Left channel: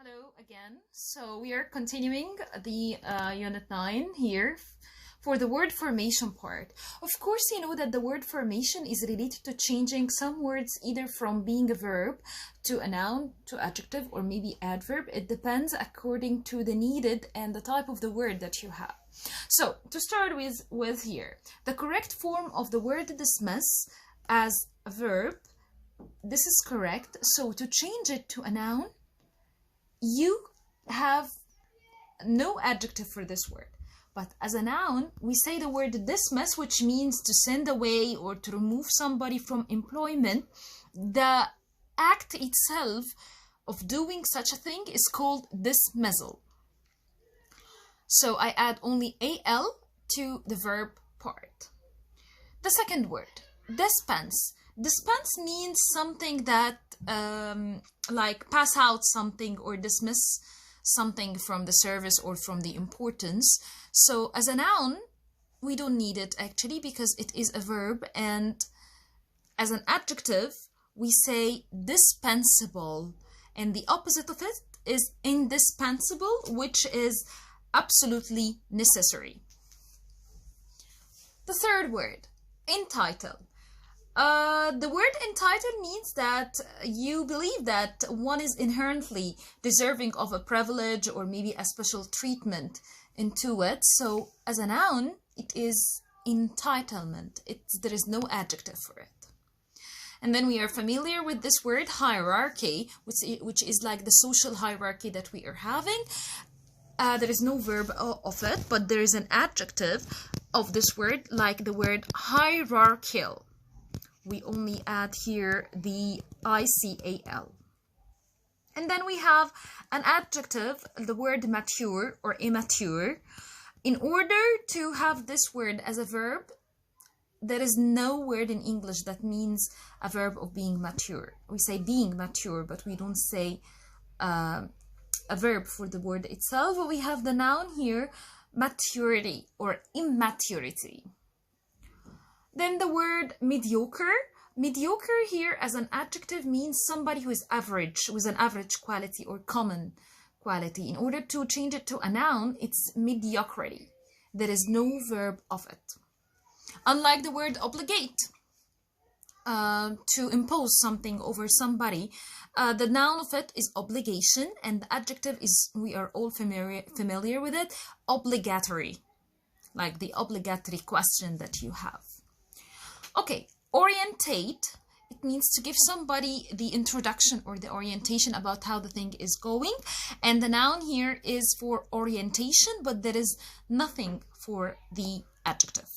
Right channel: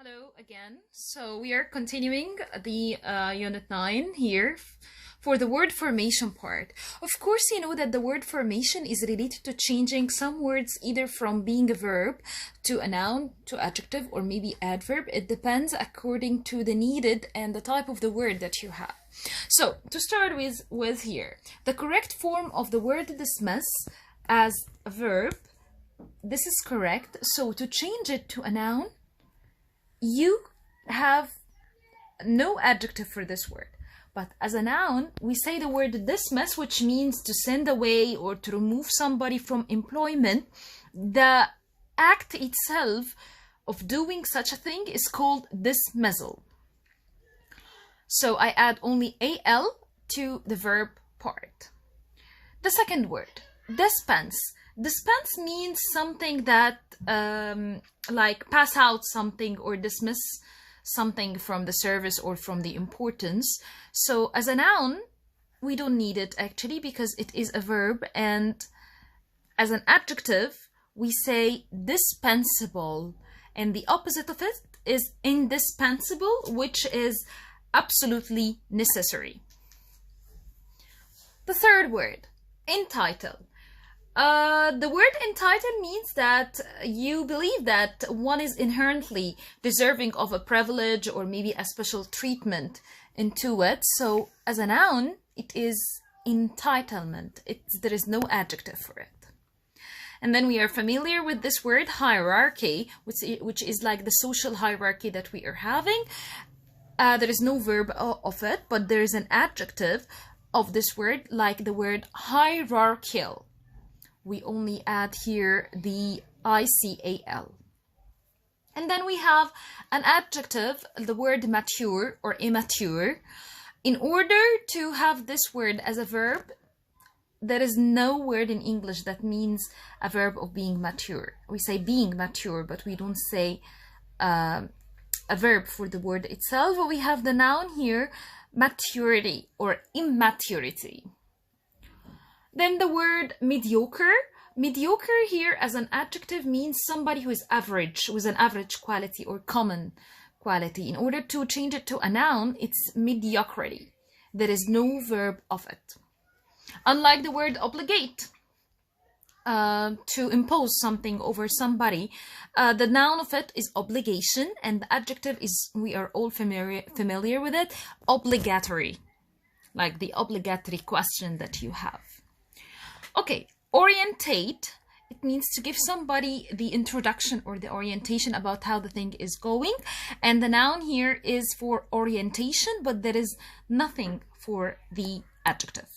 Hello again. So we are continuing the Unit 9 here for the word formation part. Of course, you know that the word formation is related to changing some words either from being a verb to a noun to adjective or maybe adverb. It depends according to the needed and the type of the word that you have. So to start with here, the correct form of the word dismiss as a verb, this is correct. So to change it to a noun, you have no adjective for this word, but as a noun we say the word dismiss, which means to send away or to remove somebody from employment. The act itself of doing such a thing is called dismissal. So I add only al to the verb part. The second word, dispense. Dispense means something that like pass out something or dismiss something from the service or from the importance. So as a noun, we don't need it actually because it is a verb, and as an adjective, we say dispensable, and the opposite of it is indispensable, which is absolutely necessary. The third word, entitle. The word entitled means that you believe that one is inherently deserving of a privilege or maybe a special treatment into it. So as a noun, it is entitlement. There is no adjective for it. And then we are familiar with this word hierarchy, which is like the social hierarchy that we are having. There is no verb of it, but there is an adjective of this word, like the word hierarchical. We only add here the ICAL. And then we have an adjective, the word mature or immature. In order to have this word as a verb, there is no word in English that means a verb of being mature. We say being mature, but we don't say a verb for the word itself. But we have the noun here, maturity or immaturity. Then the word mediocre. Mediocre here as an adjective means somebody who is average, with an average quality or common quality. In order to change it to a noun, it's mediocrity. There is no verb of it. Unlike the word obligate, to impose something over somebody, the noun of it is obligation, and the adjective is, we are all familiar with it, obligatory, like the obligatory question that you have. Okay, orientate, it means to give somebody the introduction or the orientation about how the thing is going. And the noun here is for orientation, but there is nothing for the adjective.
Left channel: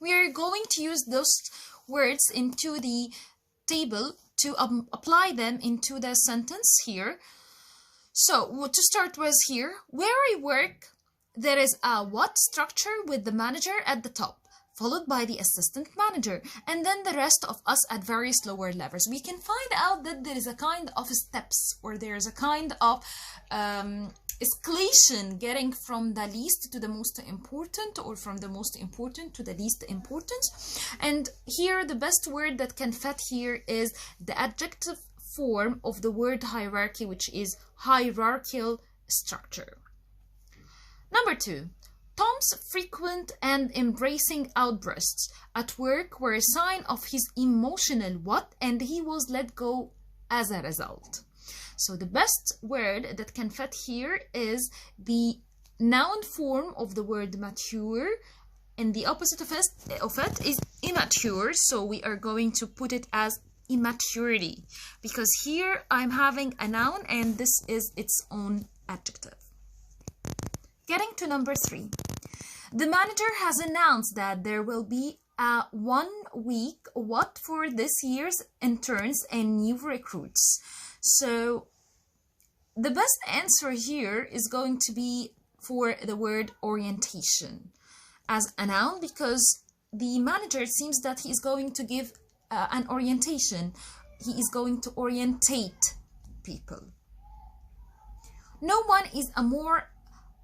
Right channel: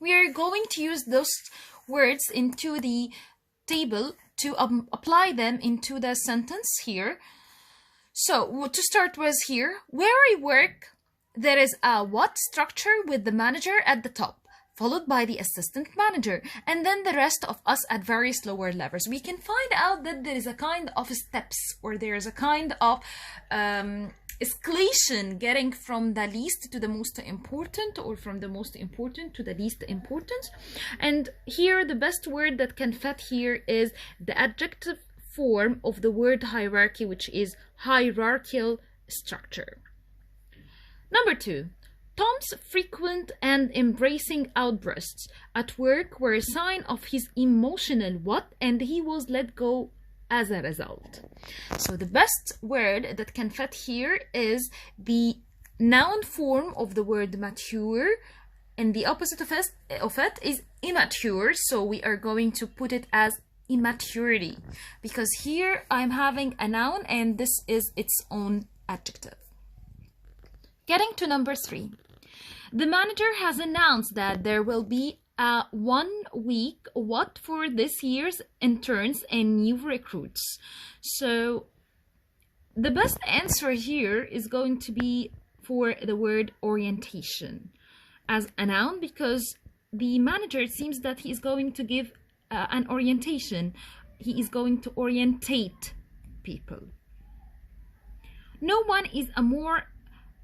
We are going to use those words into the table to apply them into the sentence here. So to start with here, where I work, there is a what structure with the manager at the top, followed by the assistant manager, and then the rest of us at various lower levels. We can find out that there is a kind of steps, or there is a kind of escalation getting from the least to the most important, or from the most important to the least important. And here the best word that can fit here is the adjective form of the word hierarchy, which is hierarchical structure. Number 2. Tom's frequent and embracing outbursts at work were a sign of his emotional what, and he was let go as a result. So the best word that can fit here is the noun form of the word mature, and the opposite of it is immature. So we are going to put it as immaturity, because here I'm having a noun and this is its own adjective. Getting to number 3. The manager has announced that there will be a 1 week what for this year's interns and new recruits. So the best answer here is going to be for the word orientation as a noun, because the manager, it seems that he is going to give an orientation. He is going to orientate people. No one is a more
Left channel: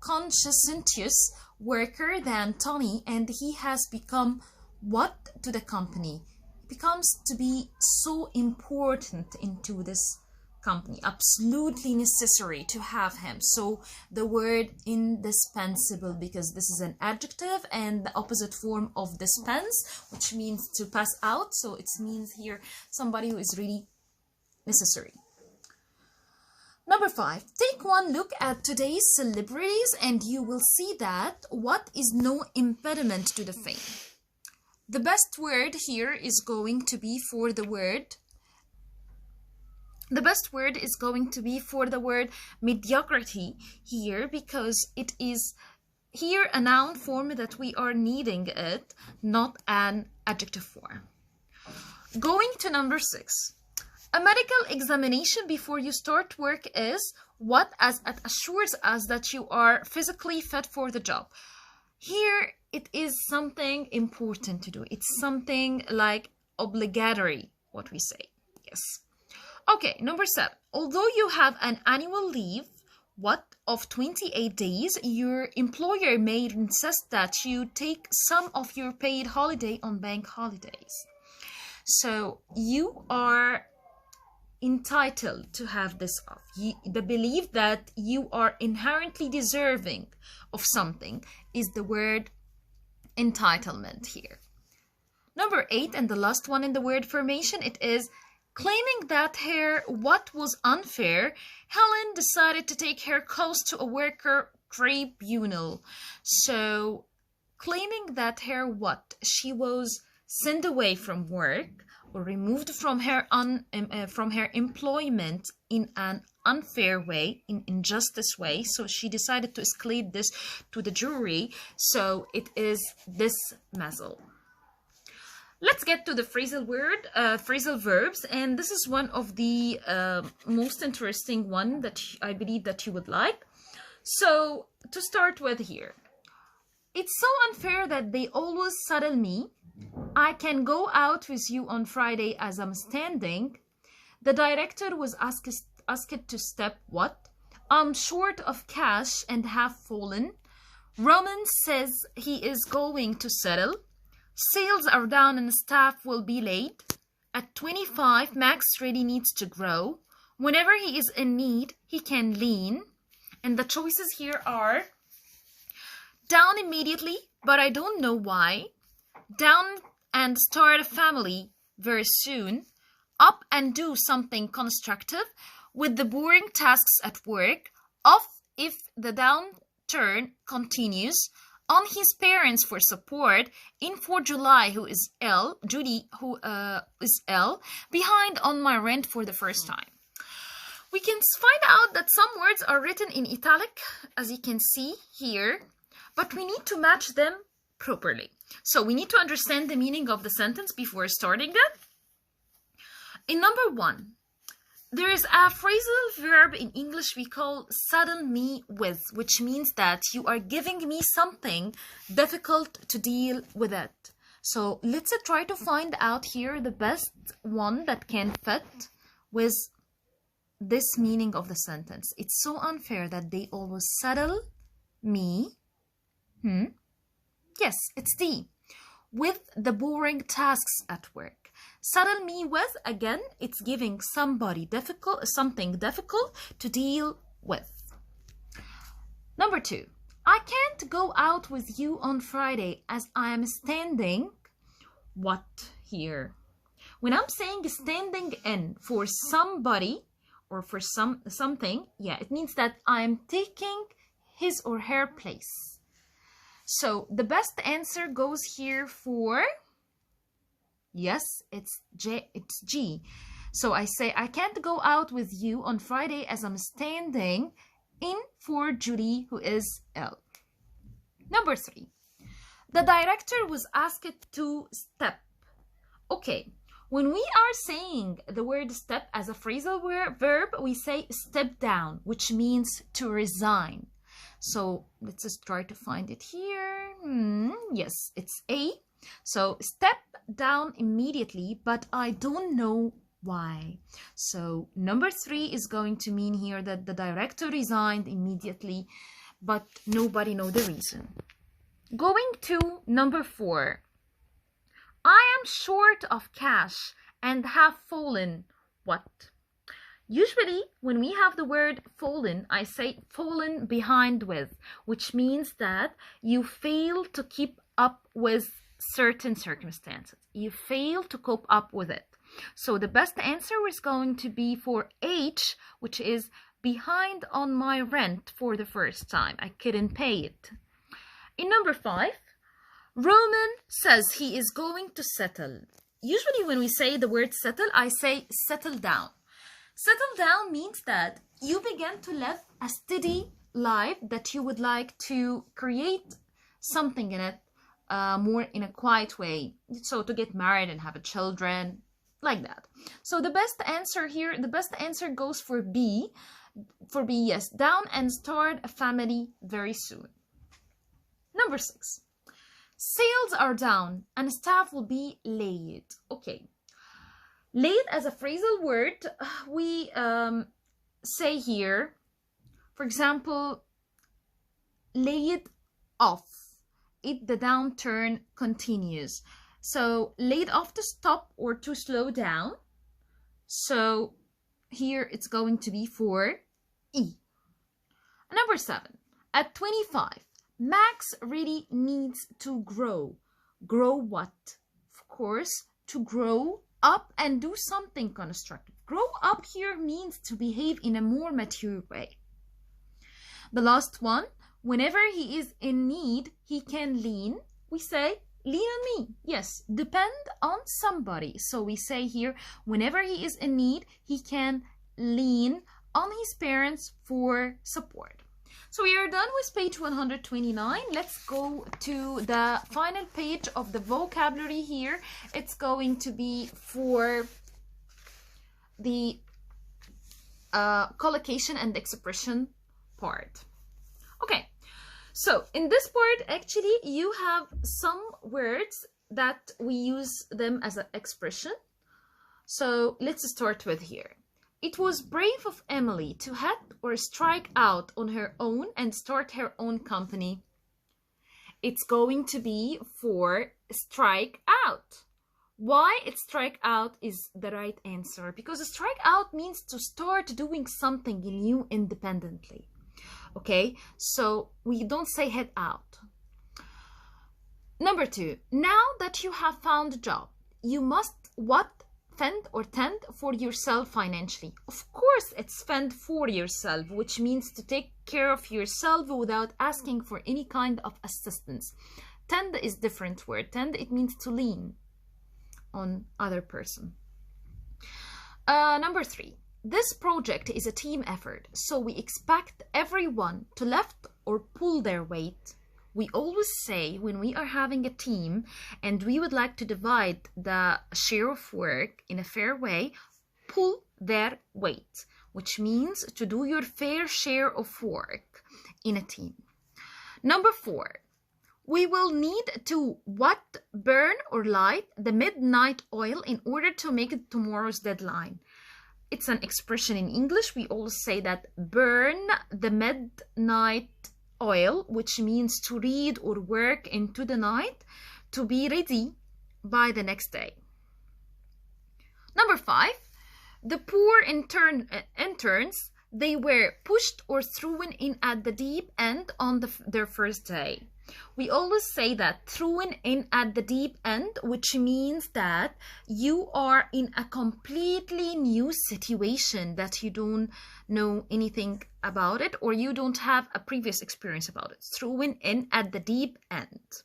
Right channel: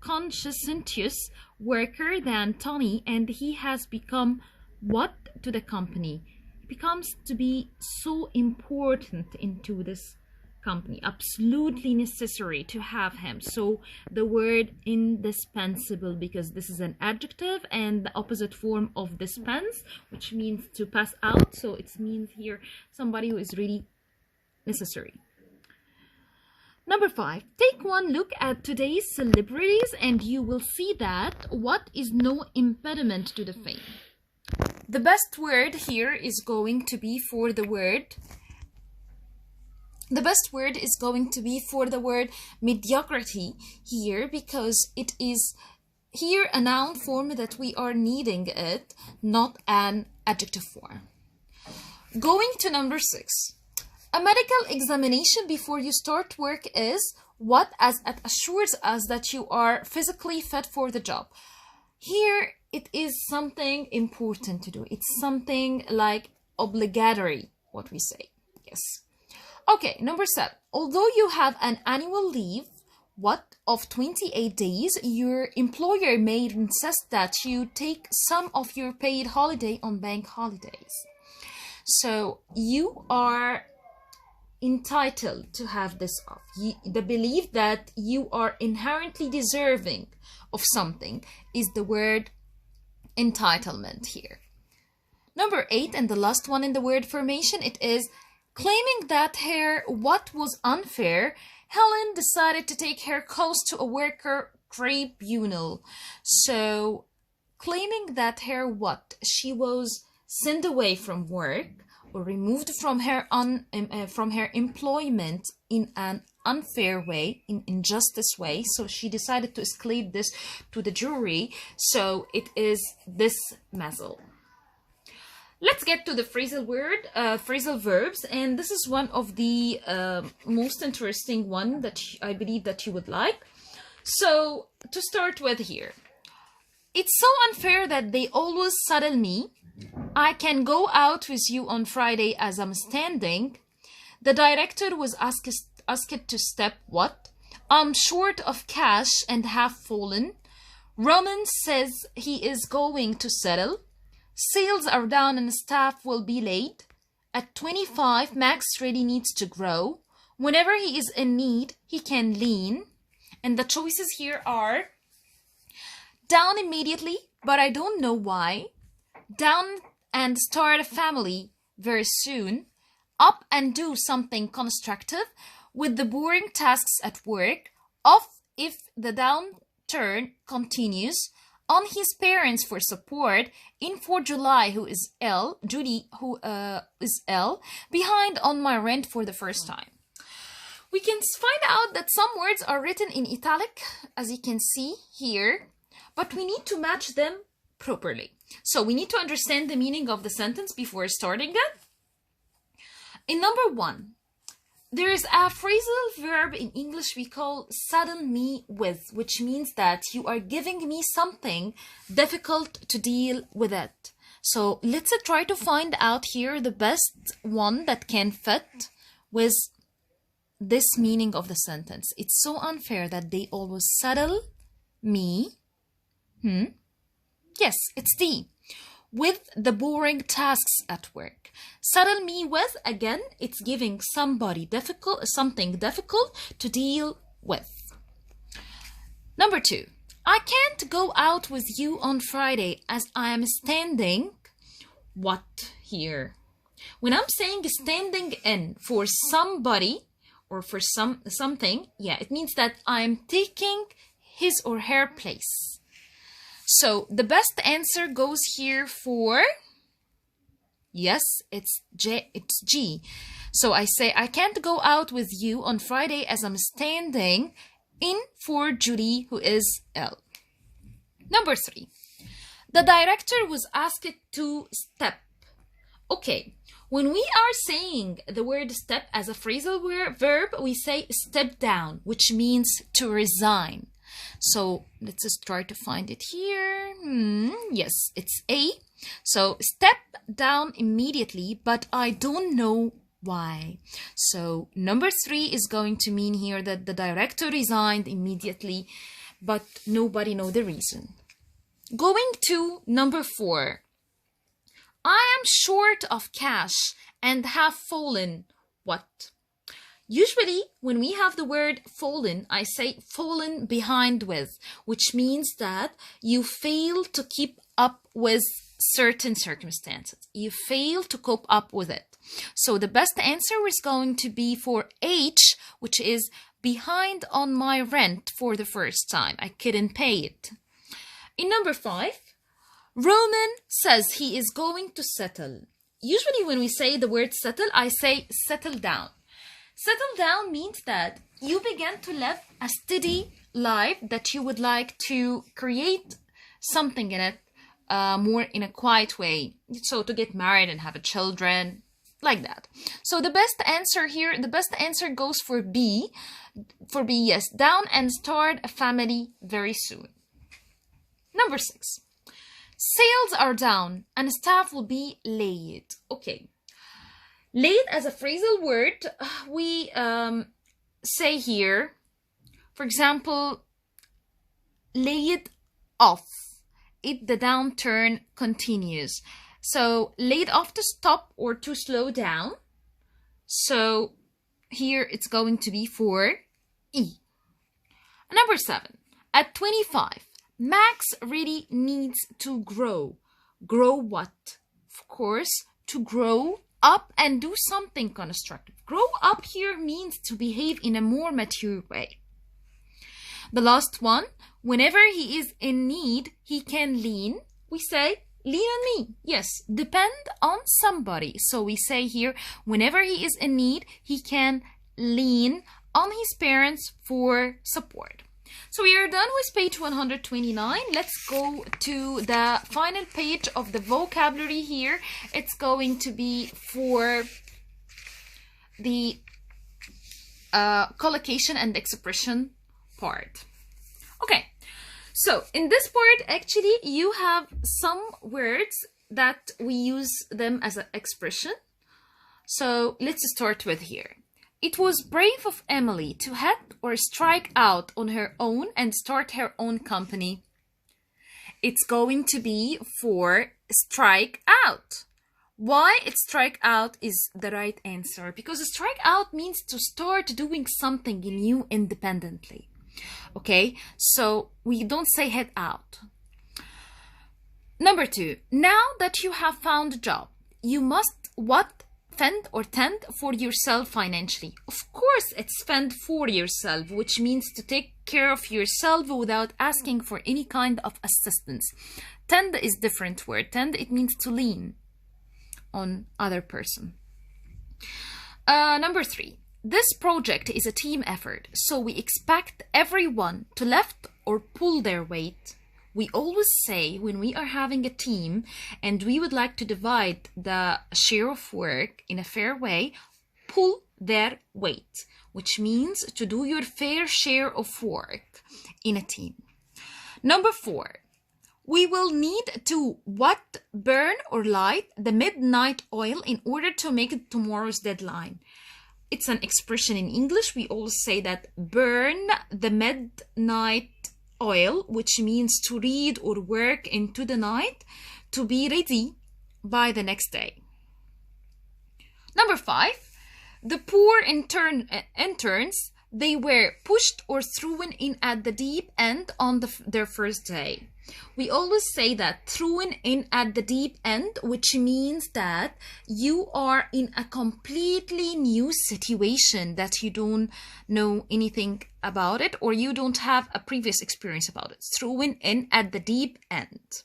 conscientious worker than Tony, and he has become what to the company. He becomes to be so important into this company, absolutely necessary to have him. So the word indispensable, because this is an adjective and the opposite form of dispense, which means to pass out. So it means here somebody who is really necessary. Number 5, take one look at today's celebrities and you will see that what is no impediment to the fame. The best word here is going to be for the word mediocrity here, because it is here a noun form that we are needing it, not an adjective form. Going to number 6. A medical examination before you start work is what, as it assures us that you are physically fit for the job. Here it is something important to do. It's something like obligatory, what we say. Yes. Okay, number 7. Although you have an annual leave, of 28 days, your employer may insist that you take some of your paid holiday on bank holidays. So you are entitled to have this off. The belief that you are inherently deserving of something is the word entitlement here. Number 8, and the last one in the word formation, it is claiming that what was unfair, Helen decided to take her cause to a worker tribunal. So claiming that she was sent away from work or removed from her employment in an unfair way, in injustice way. So she decided to escalate this to the jury. So it is dismissal. Let's get to the phrasal verbs, and this is one of the most interesting one that I believe that you would like. So to start with here, it's so unfair that they always saddle me. I can go out with you on Friday as I'm standing. The director was asked to step what? I'm short of cash and have fallen. Roman says he is going to settle. Sales are down and staff will be late. At 25, Max really needs to grow. Whenever he is in need, he can lean. And the choices here are down immediately, but I don't know why. Down and start a family very soon. Up and do something constructive with the boring tasks at work. Off if the downturn continues. On his parents for support. In for July, who is ill. Judy, who is ill. Behind on my rent for the first time. We can find out that some words are written in italic, as you can see here, but we need to match them properly. So we need to understand the meaning of the sentence before starting it. In number 1, there is a phrasal verb in English we call saddle me with, which means that you are giving me something difficult to deal with it. So let's try to find out here the best one that can fit with this meaning of the sentence. It's so unfair that they always saddle me. Yes, it's D. With the boring tasks at work. Saddle me with, again, it's giving something difficult to deal with. Number 2. I can't go out with you on Friday as I am standing. What here? When I'm saying standing in for somebody or for something, yeah, it means that I'm taking his or her place. So the best answer goes here for, yes, it's G. So I say, I can't go out with you on Friday as I'm standing in for Judy, who is ill. Number 3. The director was asked to step. Okay, when we are saying the word step as a phrasal verb, we say step down, which means to resign. So let's just try to find it here. Yes, it's A. So step down immediately, but I don't know why. So number 3 is going to mean here that the director resigned immediately, but nobody knows the reason. Going to number 4. I am short of cash and have fallen. What? Usually, when we have the word fallen, I say fallen behind with, which means that you fail to keep up with certain circumstances. You fail to cope up with it. So the best answer is going to be for H, which is behind on my rent for the first time. I couldn't pay it. In number 5, Roman says he is going to settle. Usually when we say the word settle, I say settle down. Settle down means that you begin to live a steady life, that you would like to create something in it more in a quiet way. So to get married and have children, like that. So the best answer here, the best answer goes for B. For B, yes, down and start a family very soon. Number 6. Sales are down and staff will be laid. Okay. Laid as a phrasal word, we say here, for example, laid off if the downturn continues. So laid off to stop or to slow down. So here it's going to be for E. Number 7, at 25, Max really needs to grow. Grow what? Of course, to grow up and do something constructive. Grow up here means to behave in a more mature way. The last one, whenever he is in need, he can lean. We say, lean on me. Yes, depend on somebody. So we say here, whenever he is in need, he can lean on his parents for support. So we are done with page 129. Let's go to the final page of the vocabulary here. It's going to be for the collocation and expression part. Okay, so in this part, actually, you have some words that we use them as an expression. So let's start with here. It was brave of Emily to head or strike out on her own and start her own company. It's going to be for strike out. Why it's strike out is the right answer, because strike out means to start doing something new independently. Okay, so we don't say head out. Number 2, now that you have found a job, you must what? Fend or tend for yourself financially. Of course, it's fend for yourself, which means to take care of yourself without asking for any kind of assistance. Tend is different word. Tend, it means to lean on other person. Number 3, this project is a team effort, so we expect everyone to lift or pull their weight. We always say when we are having a team and we would like to divide the share of work in a fair way, pull their weight, which means to do your fair share of work in a team. Number 4, we will need to what? Burn or light the midnight oil in order to make it tomorrow's deadline. It's an expression in English. We always say that burn the midnight oil, which means to read or work into the night to be ready by the next day. Number 5, the poor interns, they were pushed or thrown in at the deep end on their first day. We always say that thrown in at the deep end, which means that you are in a completely new situation that you don't know anything about it, or you don't have a previous experience about it. Thrown in at the deep end.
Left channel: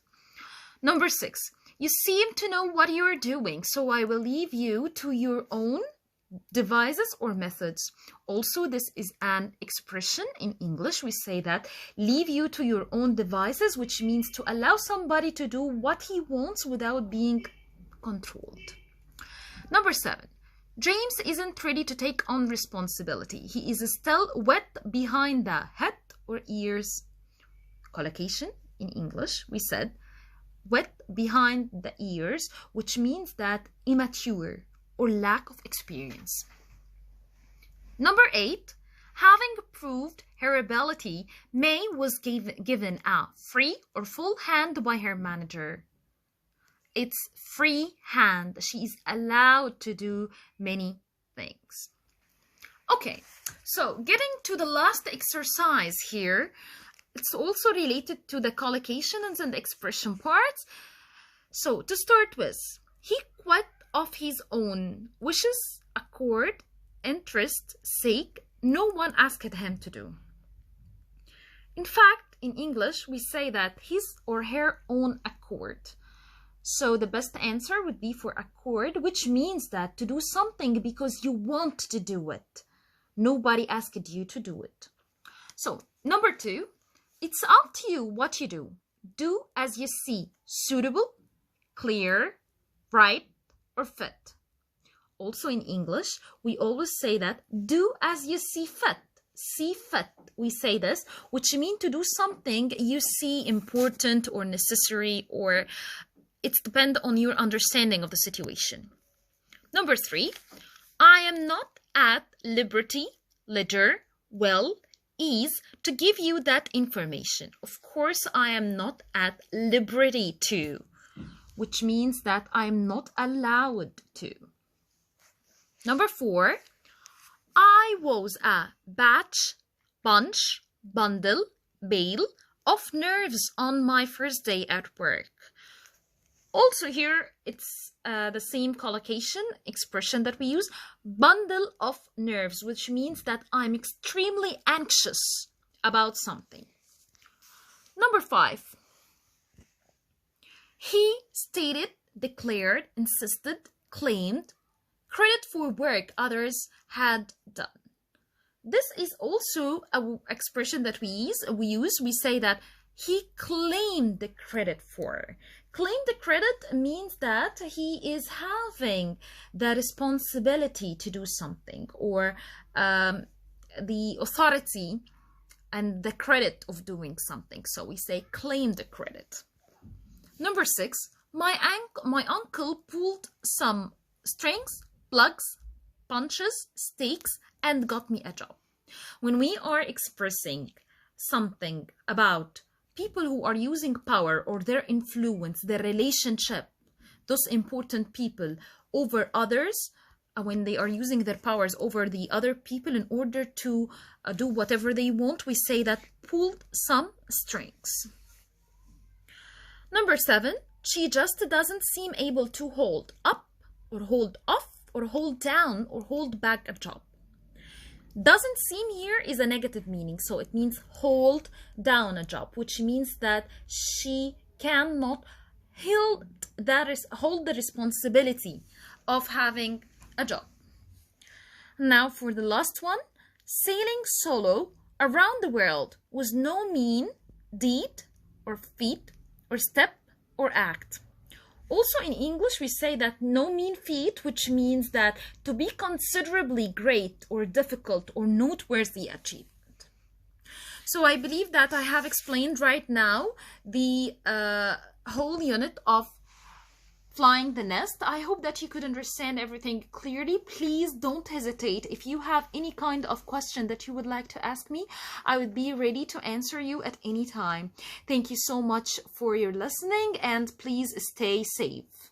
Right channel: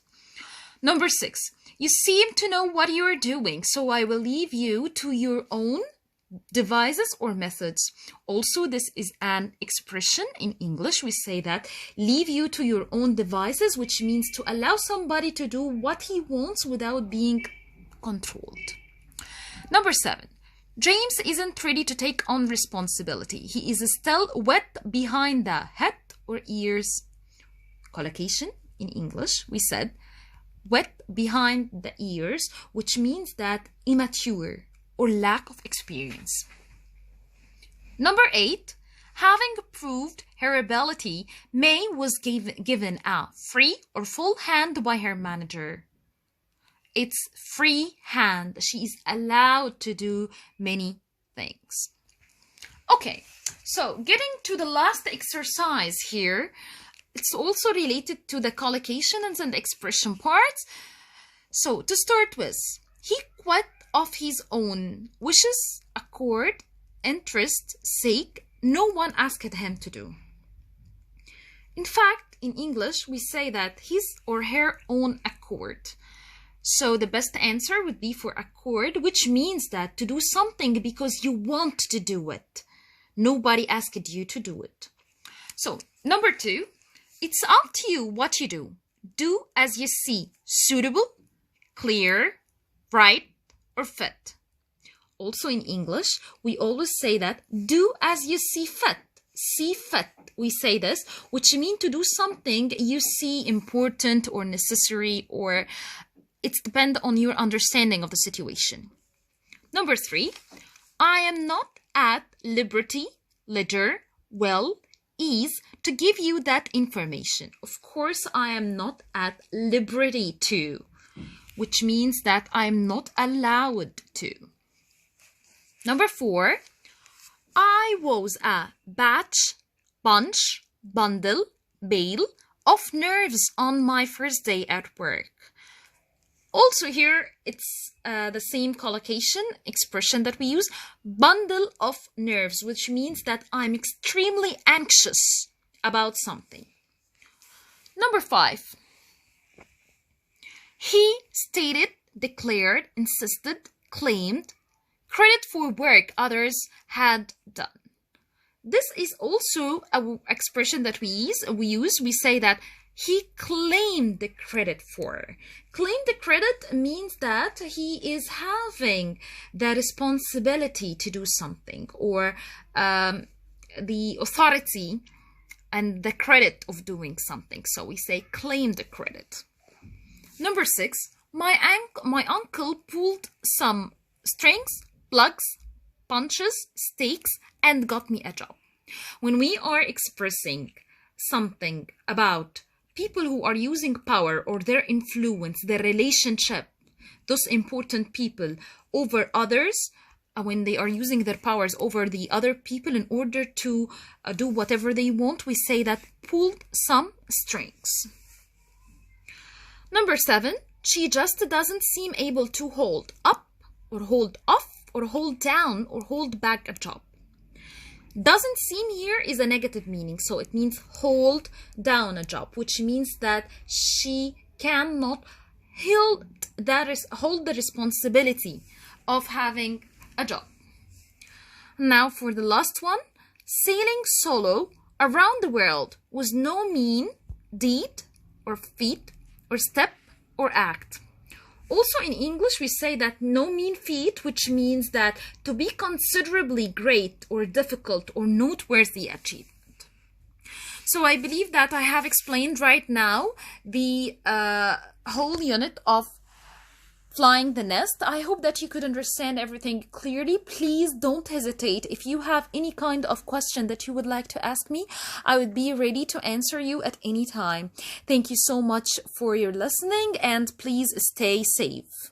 Number 6, you seem to know what you're doing, so I will leave you to your own devices or methods. Also, this is an expression in English. We say that leave you to your own devices, which means to allow somebody to do what he wants without being controlled. Number 7, James isn't ready to take on responsibility. He is still wet behind the head or ears. Collocation in English, we said wet behind the ears, which means that immature or lack of experience. Number 8, having proved her ability, May was given a free or full hand by her manager. It's free hand. She is allowed to do many things. Okay, so getting to the last exercise here, it's also related to the collocation and the expression parts. So to start with, he quit of his own wishes, accord, interest, sake, no one asked him to do. In fact, in English, we say that his or her own accord. So the best answer would be for accord, which means that to do something because you want to do it. Nobody asked you to do it. So number 2, it's up to you what you do. Do as you see suitable, clear, right, or fit. Also in English, we always say that do as you see fit. See fit, we say this, which means to do something you see important or necessary, or it's depend on your understanding of the situation. Number 3, I am not at liberty, leisure, well, ease to give you that information. Of course, I am not at liberty to, which means that I'm not allowed to. Number 4, I was a bunch, bundle, bale of nerves on my first day at work. Also here, it's the same collocation expression that we use, bundle of nerves, which means that I'm extremely anxious about something. Number 5, he stated, declared, insisted, claimed, credit for work others had done. This is also an expression that we use. We say that he claimed the credit for. Claim the credit means that he is having the responsibility to do something, or the authority and the credit of doing something. So we say claim the credit. Number 6, my uncle pulled some strings, plugs, punches, stakes, and got me a job. When we are expressing something about people who are using power or their influence, their relationship, those important people over others, when they are using their powers over the other people in order to do whatever they want, we say that pulled some strings. Number 7, she just doesn't seem able to hold up or hold off or hold down or hold back a job. Doesn't seem here is a negative meaning, so it means hold down a job, which means that she cannot hold the responsibility of having a job. Now for the last one, sailing solo around the world was no mean deed or feat or step or act. Also in English, we say that no mean feat, which means that to be considerably great or difficult or noteworthy achievement. So I believe that I have explained right now the whole unit of flying the nest. I hope that you could understand everything clearly. Please don't hesitate. If you have any kind of question that you would like to ask me, I would be ready to answer you at any time. Thank you so much for your listening, and please stay safe.